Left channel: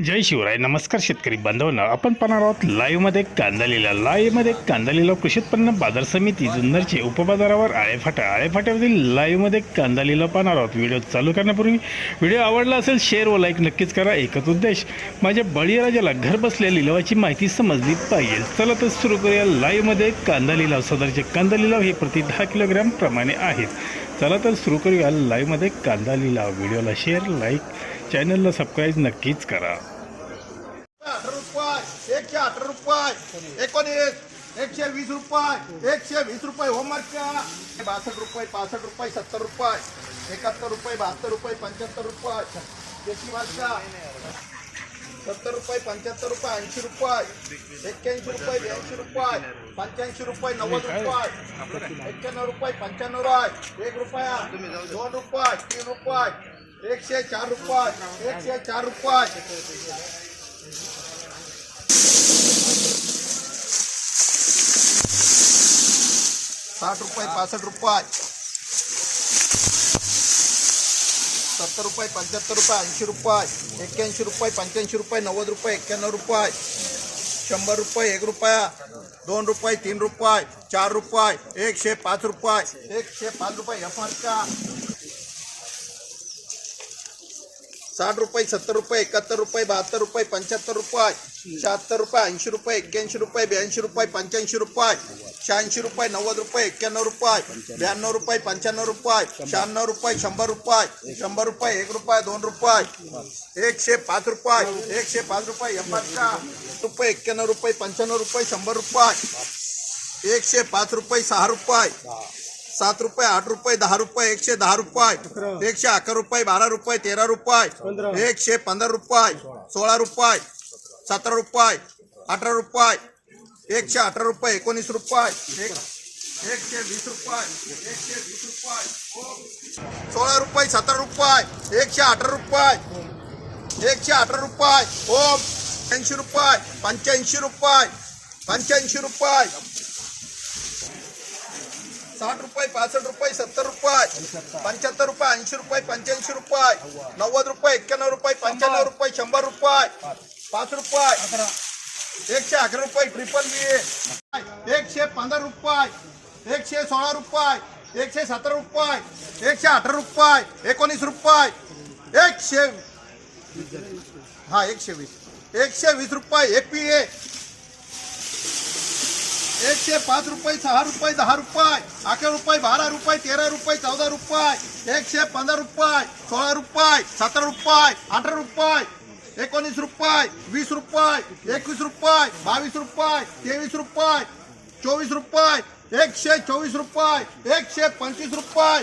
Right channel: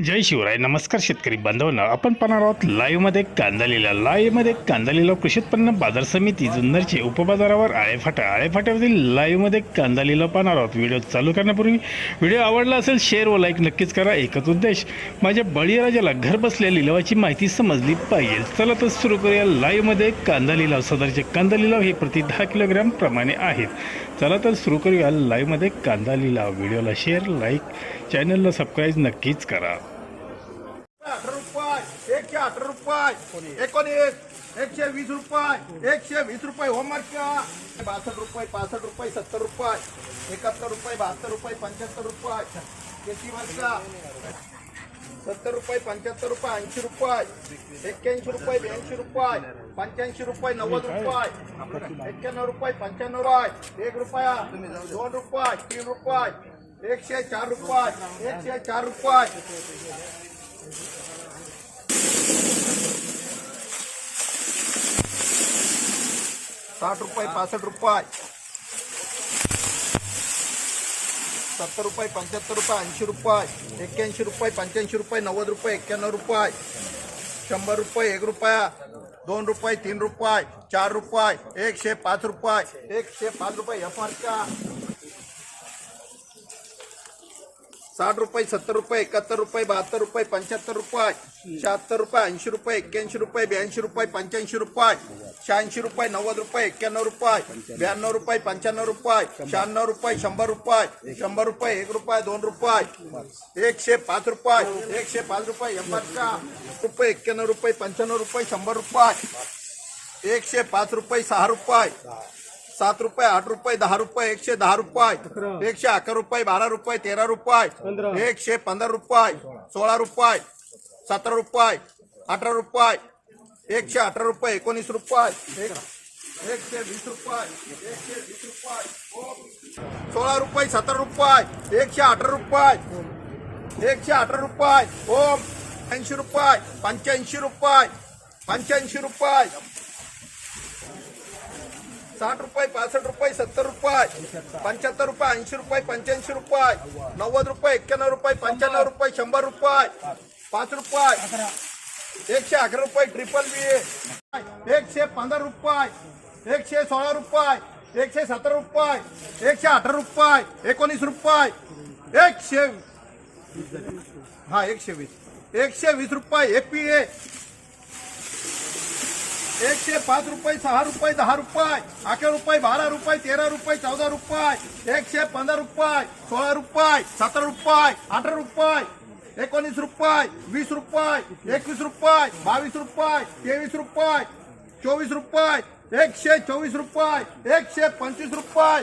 जय शिवराय. नमस्कार शेतकरी बांधवांनो, आपण पाहणार आहोत लाईव्हमध्ये कांदा लिलाव कृषी उत्पन्न बाजार समिती जुन्नरचे उपबाजारावर आळेफाट्यावरील लाईव्हमध्ये कांदा लिलाव पाहणार आहोत. व्हिडिओ चालू करण्यापूर्वी व्हिडिओ आवडला असेल शेअर व लाईक नक्कीच करा. एकच उद्देश, माझ्या बळीराजाला घर बसल्या लिलावाची माहिती समजली पाहिजे. चला तर सुरू करूया लाईव्हमध्ये कांदा लिलाव. सदरचे कांदा लिलाव हे प्रति 10 किलोग्राम प्रमाणे आहेत. चला तर सुरू करूया लाईव्हमध्ये कांदा लिलाव. व्हिडिओला शेअर, लाईक, चॅनलला सबस्क्राईब नक्कीच करा. 18 रुपये, 118 रुपये, 19, 120 रुपये, 120 रुपये होमवर्कच्या 62 रुपये, 65 रुपये, 70 रुपये, 71 रुपये, 72 रुपये, 75 रुपये, शेतीवरचा 70 रुपये, 75 रुपये, 80 रुपये, 81 रुपये, 82 रुपये, 85 रुपये, 90 रुपये, 91 रुपये, 95 रुपये, 1 रुपया, 2 रुपये, 3 रुपये, 104 रुपये, 104 रुपये, 60 रुपये, 65 रुपये, 70 रुपये, 75 रुपये, 80 रुपये, 81 रुपये, 85 रुपये, 90 रुपये, 91 रुपये, 100 रुपये, 1 रुपया, 2 रुपये, 3 रुपये, 4 रुपये, 105 रुपये, 105 रुपये एफआरचा 60 रुपये, 70 रुपये, 71 रुपये, 72 रुपये, 75 रुपये, 76 रुपये, 80 रुपये, 81 रुपये, 82 रुपये, 85 रुपये, 86 रुपये, 90 रुपये, 91 रुपये, 92 रुपये, 95 रुपये, 96 रुपये, 100 रुपये, 100 रुपये, 1 रुपये, 2 रुपये, 105 रुपये, 105 रुपये एफआरचा रुपये, 91 रुपये, 95 रुपये, 100 रुपये, 105 रुपये, 6 रुपये, 7 रुपये, 8 रुपये, 10 रुपये, 110 रुपये, 111 रुपये, 12 रुपये, 13 रुपये, 115 रुपये, 16 रुपये, 17 रुपये, 18 रुपये, 118 रुपये, 19 रुपये, 120 रुपये, 120 रुपये, 16 रुपये, 17 रुपये, 118 रुपये, 118 रुपये, 80 रुपये, 85 रुपये, 85 रुपये, 60 रुपये, 65 रुपये, 70 रुपये, 75 रुपये, 80 रुपये, 85 रुपये, 90 रुपये, 91 रुपये, 95 रुपये, 100 रुपये, 5 रुपये, 111 रुपये, ट्रिपल बी, 115 रुपये, 116 रुपये, 117 रुपये, 118 रुपये, 19 रुपये, 120 रुपये, एपीए 105 रुपये, 6 रुपये, 10 रुपये, 11 रुपये, 12 रुपये, 13 रुपये, 14 रुपये, 115 रुपये, 16 रुपये, 17 रुपये, 18 रुपये, 19 रुपये, 20 रुपये, 21 रुपये, 22 रुपये, 23 रुपये, 24 रुपये, 124 रुपये, 125 रुपये.